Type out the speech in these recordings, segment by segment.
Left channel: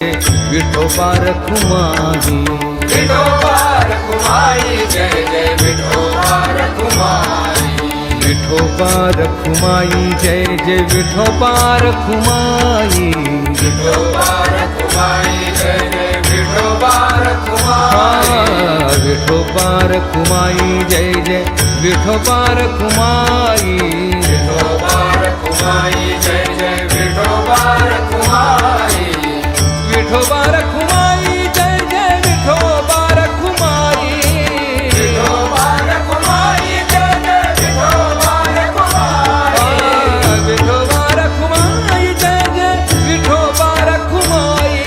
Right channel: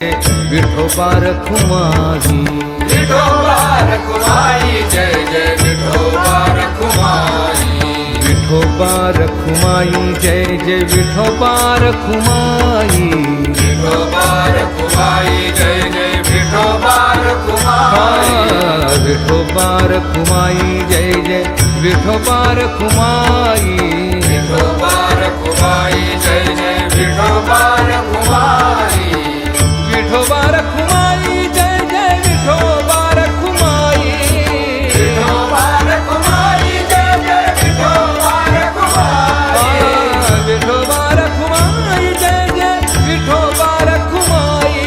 विठोबा रखुमाई, विठोबा रखुमाई, जय जय विठोबा रखुमाई, विठोबा रखुमाई, जय जय विठोबा रखुमाई, विठोबा रखुमाई, जय जय विठोबा रखुमाई, हाँ विठोबा रखुमाई, जय जय विठोबा रखुमाई, विठोबा रखुमाई, जय जय विठोबा रखुमाई, विठोबा रखुमाई, जय जय विठोबा रखुमाई, विठोबा रखुमाई, जय जय विठोबा रखुमाई, हाँ विठोबा रखुमाई, जय जय विठोबा रखुमाई,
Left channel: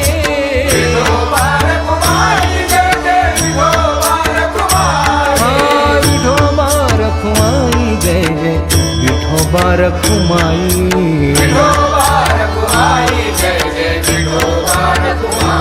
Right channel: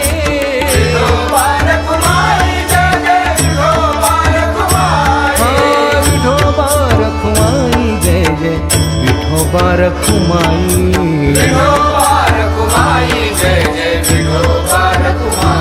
विठोबा रखुमाई, जय जय विठोबा रखुमाई, हाँ विठोबा रखुमाई, जय जय विठोबा रखुमाई, विठोबा रखुमाई, जय जय विठोबा रखुमाई,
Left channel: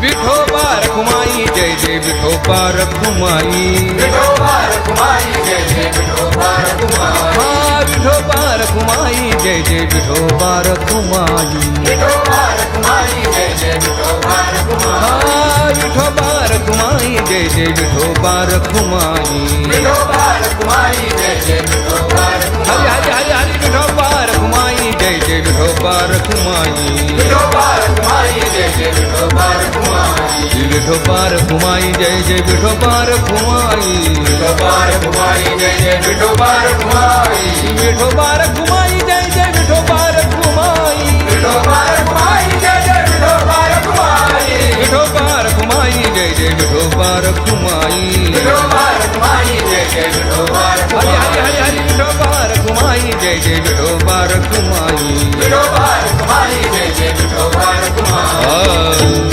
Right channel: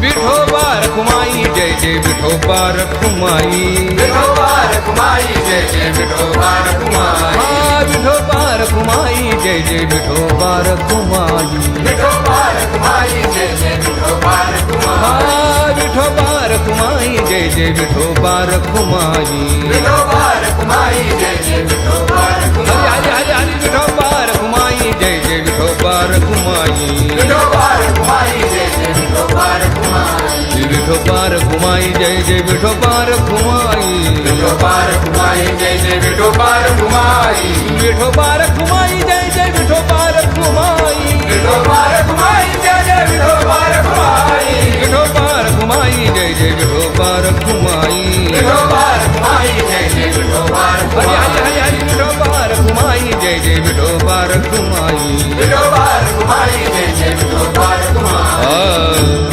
विठोबा रखुमाई, जय जय विठोबा रखुमाई, विठोबा रखुमाई, जय जय विठोबा रखुमाई, हाँ विठोबा रखुमाई, जय जय विठोबा रखुमाई, विठोबा रखुमाई, जय जय विठोबा रखुमाई, हाँ विठोबा रखुमाई, जय जय विठोबा रखुमाई, विठोबा रखुमाई, जय जय विठोबा रखुमाई, हरि हरि हरि हरि विठोबा रखुमाई, जय जय विठोबा रखुमाई, विठोबा रखुमाई, जय जय विठोबा रखुमाई, विठोबा रखुमाई, जय जय विठोबा रखुमाई, विठोबा रखुमाई, जय जय विठोबा रखुमाई, विठोबा रखुमाई, जय जय विठोबा रखुमाई, विठोबा रखुमाई, जय जय विठोबा रखुमाई, विठोबा रखुमाई, जय जय विठोबा रखुमाई, विठोबा रखुमाई, जय जय विठोबा हरि रखुमाई, हरि हरि हरि विठोबा रखुमाई, जय जय विठोबा रखुमाई, विठोबा रखुमाई, जय जय विठोबा रखुमाई,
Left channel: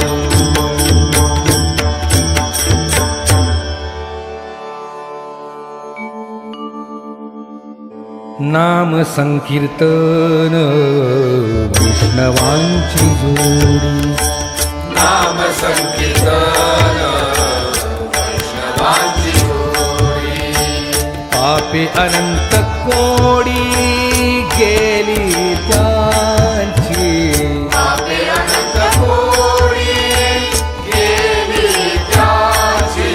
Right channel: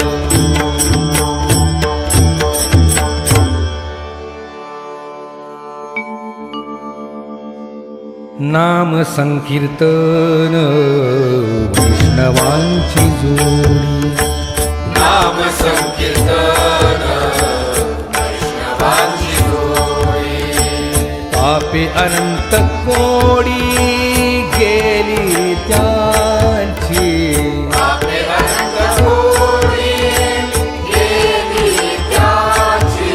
नाम संकीर्तन वैष्णवांची जोडी, नाम संकीर्तन वैष्णवांची जोडी, पापे अनंत कोडी गेली त्यांची, पापे अनंत कोडी गेली त्यांची,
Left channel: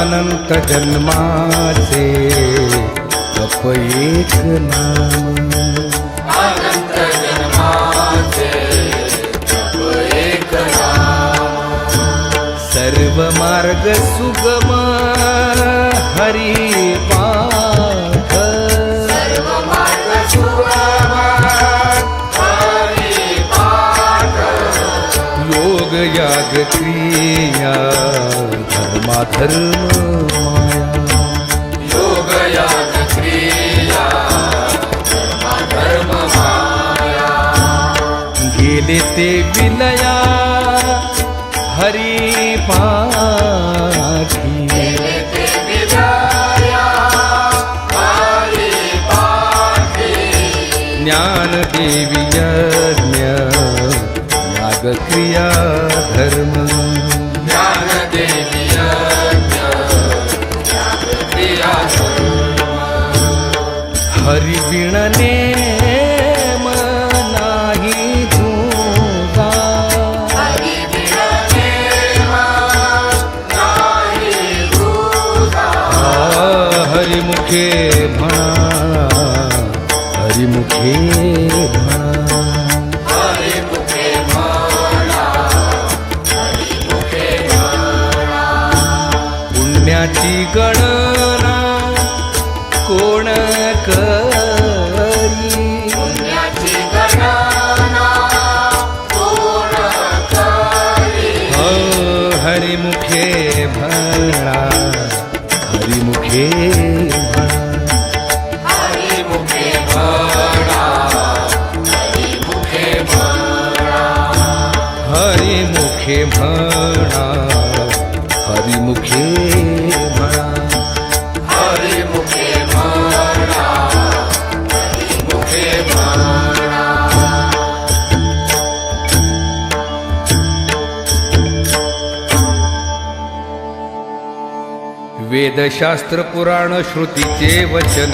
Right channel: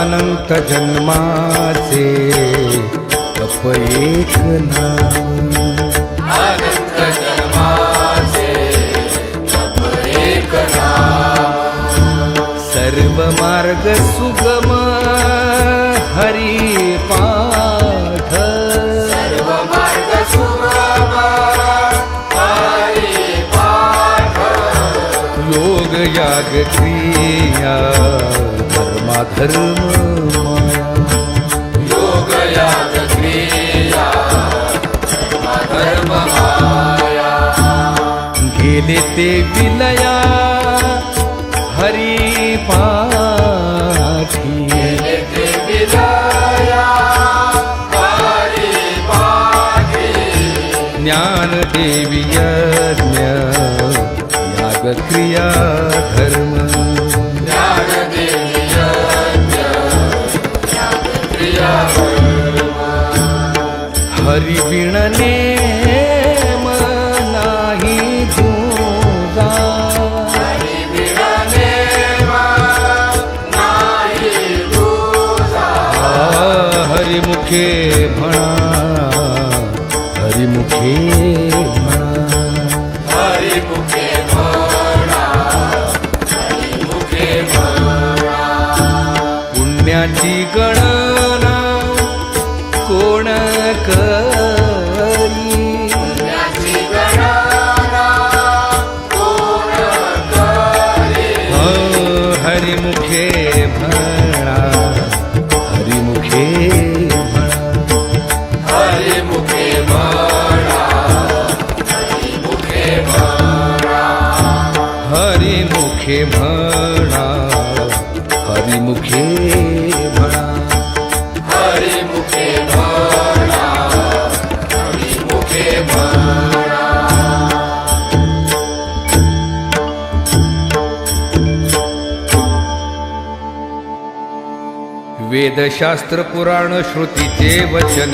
अनंत जन्माचे जप एक नाम, अनंत जन्माचे जप एक नाम, सर्व मार्ग सुगम हरी पाठ, सर्व मार्ग सुगम हरी पाठ, योग याग क्रिया धर्माधर्म माया, योग याग क्रिया धर्म माया, गेले ते विलया हरी पाठी, ते विलया हरी पाठी, ज्ञान देवी यज्ञ याग क्रिया धर्म, ज्ञान देवी यज्ञ याग क्रिया धर्म, हरि बिन नेम नाही जुगा, हरी बिना नेम नाही तुझा, हरिमुखे म्हणा, हरिमुखे म्हणा, हरी मुखे म्हणा, हरी मुखे म्हणा, पुण्याची गणना कोण करी, याची गणना कोण करी, हरिमुखे म्हणा, हरिमुखे म्हणा, हरी मुखे म्हणा, हरी मुखे म्हणा, हरिमुखे म्हणा, हरिमुखे म्हणा, हरी मुखे म्हणा, हरी मुखे म्हणा, वेदशास्त्र पुराण श्रुतीचे वचन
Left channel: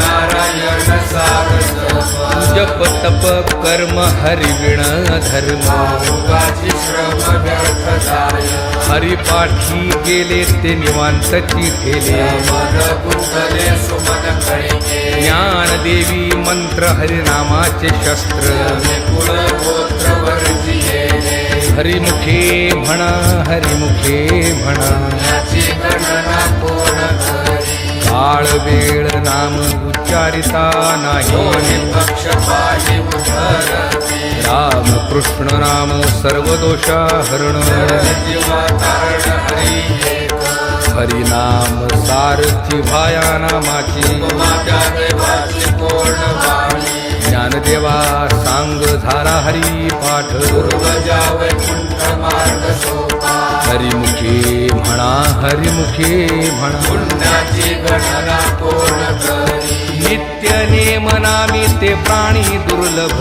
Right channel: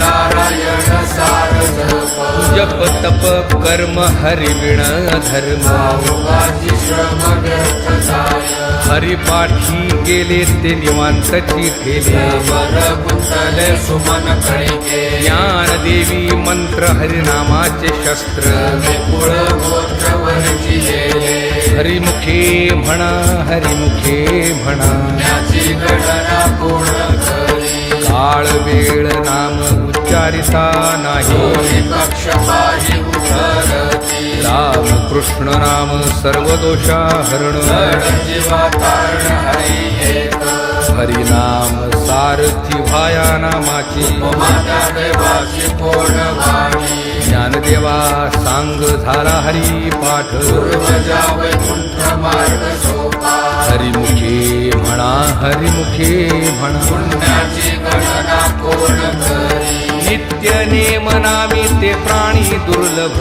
नारायण सारस्वत जप तप कर्म हरिविण धर्म मुखाची श्रम व्यर्थ जाय हरिपाठी गेले ते निवांतची ठेले मन गुंतले सुमन कणिके ज्ञानदेवी मंत्र हरिनामाचे शस्त्र कुळ गोत्र वर्जिले हरिमुखे म्हणा हरिमुखे म्हणा याची गणना पूर्ण करी काळ वेळ नाम उच्चारिता नाही पक्षपाही उद्धरती राम कृष्ण नाम सर्व दोषा हरण जीवा कारण हरी एक हरिनाम सारथी भाया नामाची माझ्या देवाची कोण वाणी ज्ञानदेवा सांग झाला हरी पाठ पूर्वजा वैकुंठ मार्ग शोभा हरिमुखे म्हणा हरिमुखे म्हणा पुण्याची गणना कोण करी नित्य नेम नामी ते प्राणी दुर्लभ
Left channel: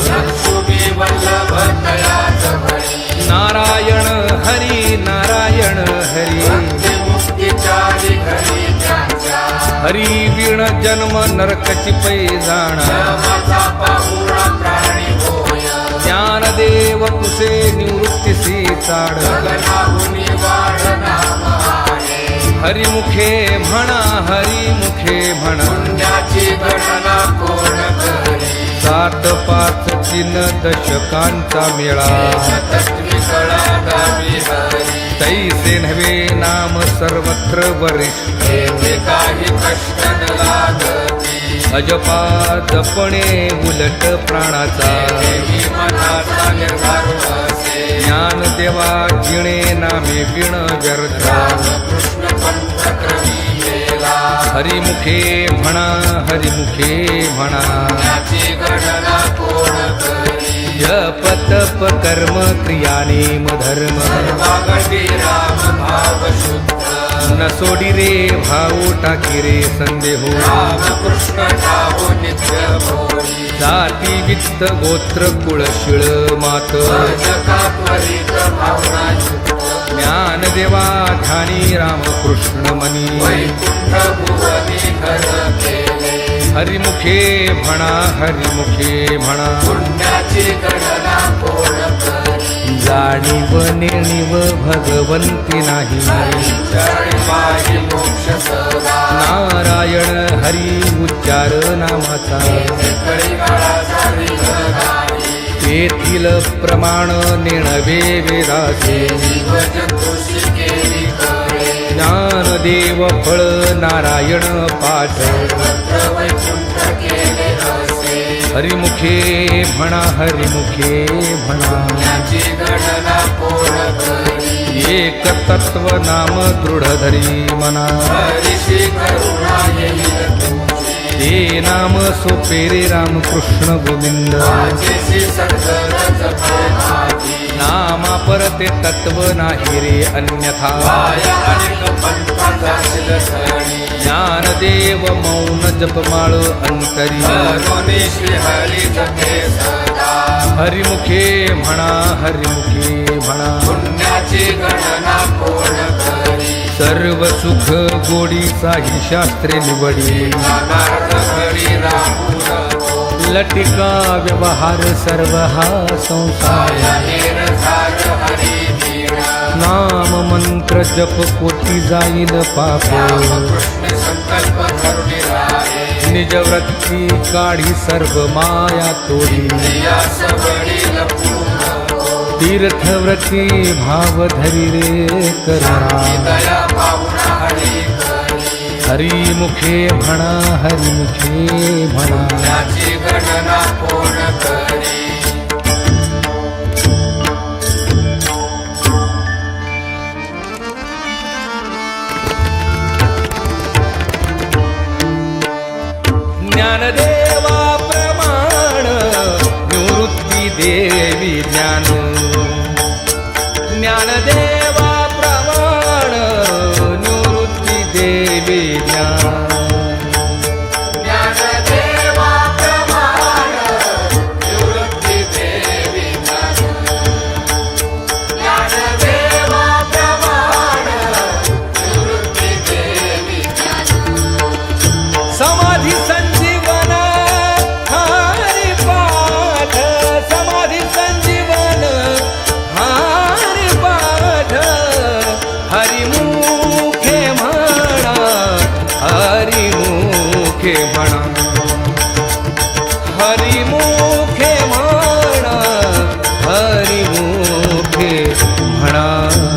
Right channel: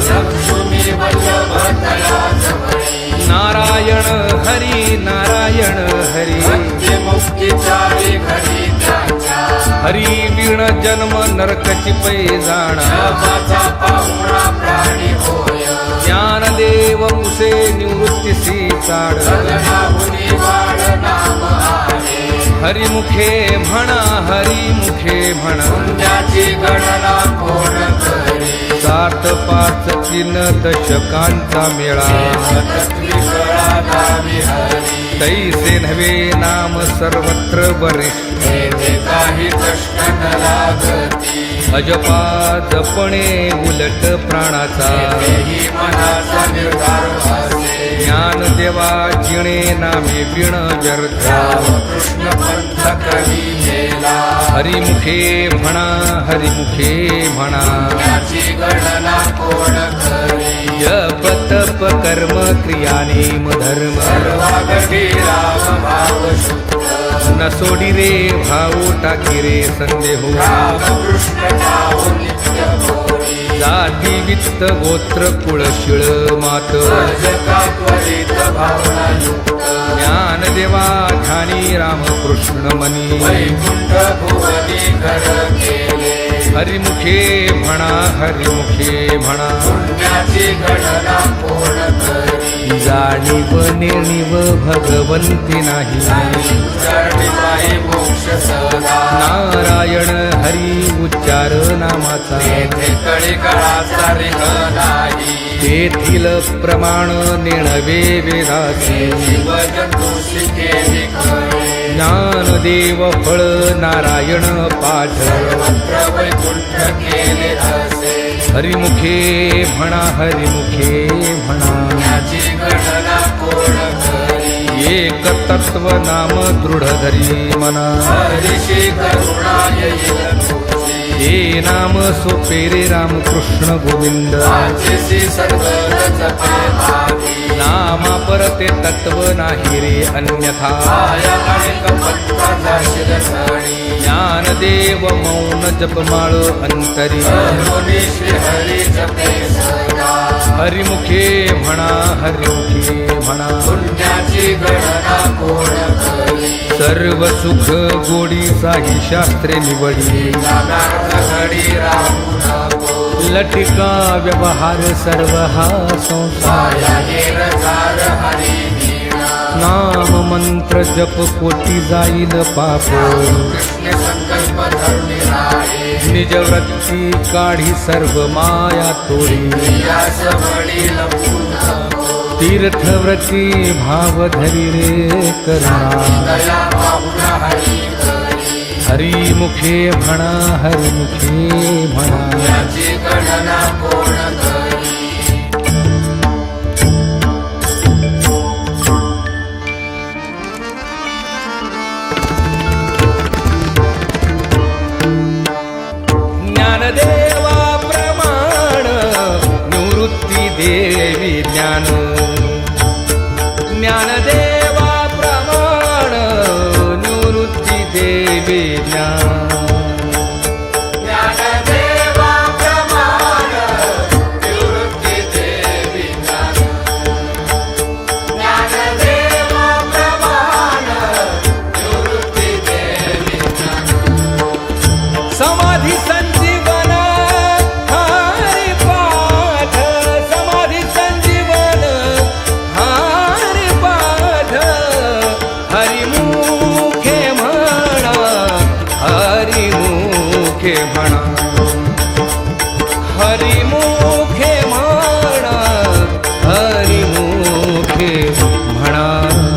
तुम्ही वल्लभ तयाच भरी नारायण हरी नारायण हरी मुक्ती चाली घरी त्यांच्या हरी विण जन्म नरकची पै जाणा माझा पाहुणा प्राणी होय ज्ञानदेव कुसे निवृत्तीसी चाड गगनाहुनी वाढ नाम आहे हरिमुखे म्हणा हरिमुखे म्हणा पुण्याची गणना कोण करी 7 5 3 दशकांचा मेळा तत्विकळा गावी हरी तैसे नव्हे नाम सर्वत्र वरिष्ठ येथे काही कष्ट न लागती अजपा जपणे उलट प्राणाचा ही मनाचा निर्धार असे ज्ञानदेवा जिणे नामे विण व्यर्थ कृष्ण पंथ करी गेला हरिमुखे म्हणा हरिमुखे म्हणा याची गणना कोण करी जप तप कर्म क्रिया नेम धर्म वागटी राम भाव शुद्ध न सोडी रे भाऊ टाकी रे संदेहो राम कृष्ण नाव नित्य भोगी जाती वित्त गोत्र कुळ शिळ मात जगा त्वरित भावना युक्त ज्ञानदेवा ध्यानी रामकृष्ण मनी वैकुंठ भुवनी घर केले हरिमुखे म्हणा हरिमुखे म्हणा पुण्याची गणना कोण करी जाणीव नेणीव भगवंती नाही शरणाई मोक्ष सदा नारायण हरी उच्चार नामाचा कळी काळाचा निघाई तेथील प्रमाण नेणवे वेदासी वज तुळशी केली खरे ज्ञानदेव फळ नारायण पाठ मंत्र वैकुंठ केले असे हरिमुखे म्हणा हरिमुखे म्हणा याची गणना कोण करी एक तत्व नाम दृढ धरी मना ऋषी करुणा येईल तुझी ते नाम सोपे रे रामकृष्ण गोविंद वाचेसी सद्गुण जपे भागी नामा परते तत्व नाही रे अन्यथा माया अनेक पत्ता जाशील सणी ज्ञानदेव मौन जपमाळ अंतरी करुणी श्री हरी जपे सदा हरिमुखे म्हणा हरिमुखे म्हणा पुण्याची गणना कोण करी सर्व सुख गोडीचाही शास्त्रे निवडी नागार्थ घडी राहू नको लटिका व्यवहार सर्व हा संसार निरधार हरी मीरा नाम मंत्र जप कोटी जाईल पाप कृष्ण संकल्प धरुणी राहे निज वृत्ती काढी सर्व माया तोडी यास बळी लपू नको तीर्थव्रती भाव धरी रे करुणा दया भावना हरी करी हरिमुखे म्हणा हरिमुखे म्हणा याची गणना कोण करी ज्ञानदेवा प्रमाण निवृत्ती देवी ज्ञान ज्ञानदेवा प्रमाण निवृत्ती देवी ज्ञान ज्ञानदेवा प्रमाण निवृत्ती देवी ज्ञान ज्ञानदेवा प्रमाण निवृत्ती देवी मुखे म्हणा हरिमुखे म्हणा हरिमुखे म्हणा